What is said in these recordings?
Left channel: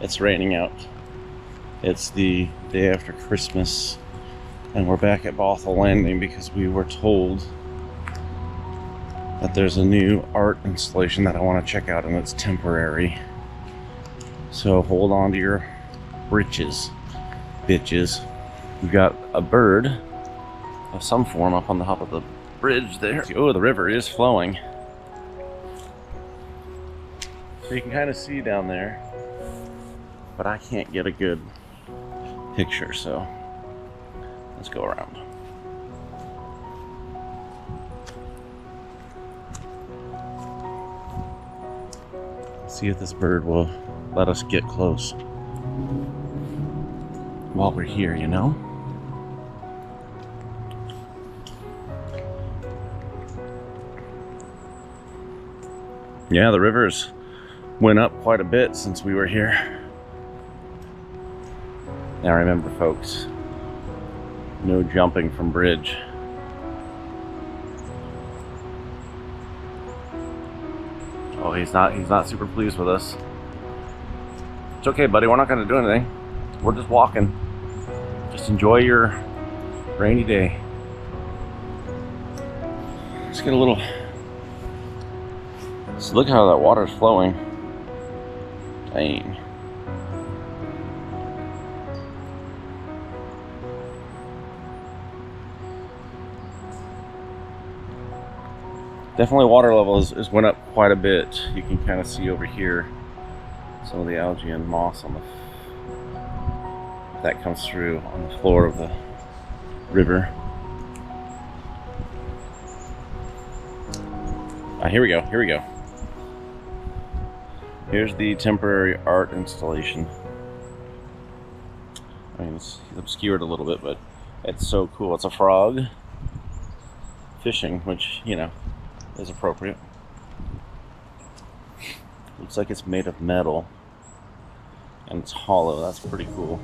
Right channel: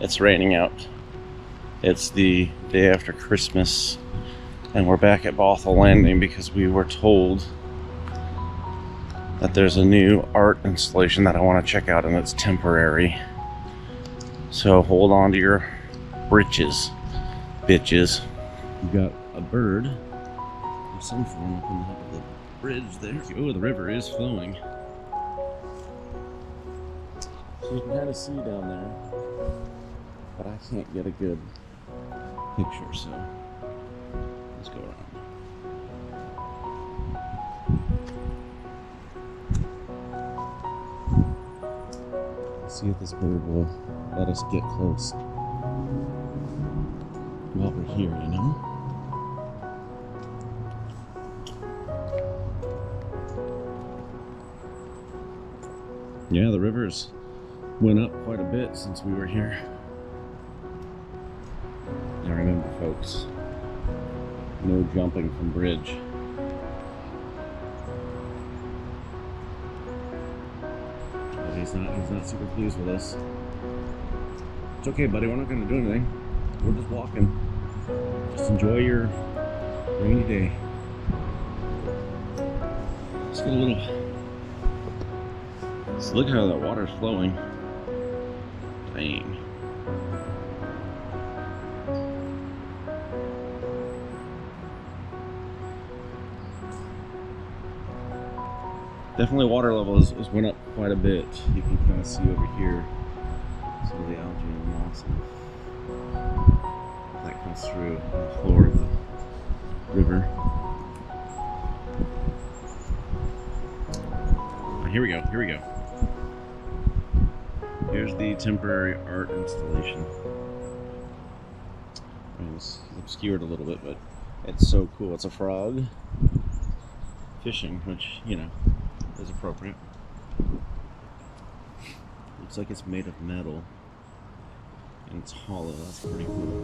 It's raining out. It's the day after Christmas, and we're back at Bothell Landing because we were told that there's a new art installation that I want to check out, and it's temporary. So hold on to your britches, bitches. We've got a bird of some form up on the top of the bridge there. Oh, the river is flowing. So you can kind of see down there, but I can't get a good picture, so let's go around. See if this bird will let us get close while we're here, you know? Yeah, the river's went up quite a bit since we were here. Now remember, folks, no jumping from bridge. Oh, he's not super pleased with us. It's okay, buddy, we're not gonna do anything. We're just walking. Just enjoy your rainy day. Let's get a little. So look how that water's flowing. Dang. Definitely water level is went up quite a bit. You can kind of see over here some of the algae and moss on the that comes through on the floor of the river. Here we go. Here's the temporary art installation. I mean, it's obscured a little bit, but it's so cool. It's a frog fishing, which, you know, is appropriate. Looks like it's made of metal and it's hollow. That's pretty cool.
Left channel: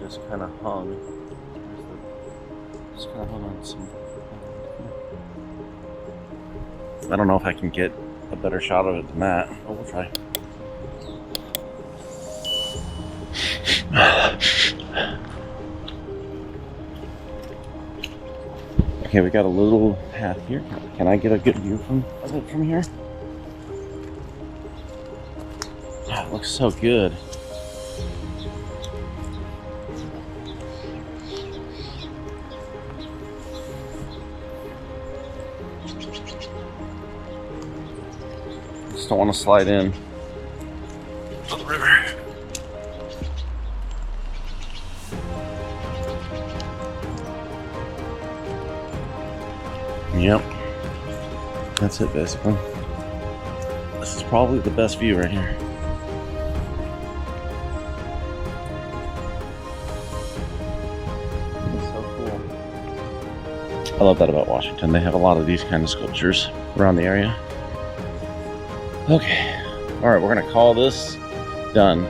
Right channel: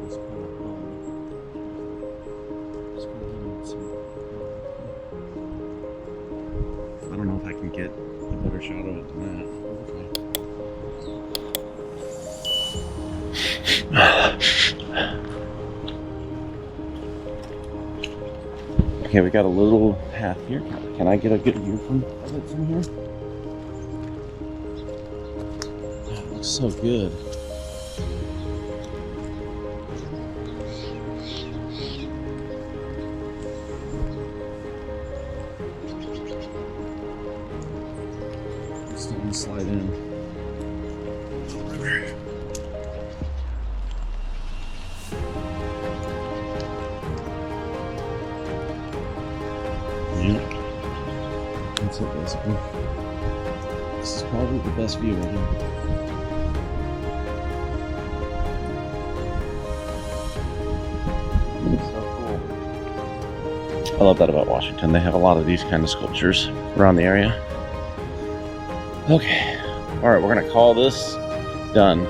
Just kind of hung on some. I don't know if I can get a better shot of it than that, but we'll try. Okay, we got a little path here. Can I get a good view of it from here? Oh, it looks so good. Just don't want to slide in the river. Yep, that's it basically. This is probably the best view right here. It's so cool. I love that about Washington. They have a lot of these kind of sculptures around the area. Okay, all right, we're gonna call this done.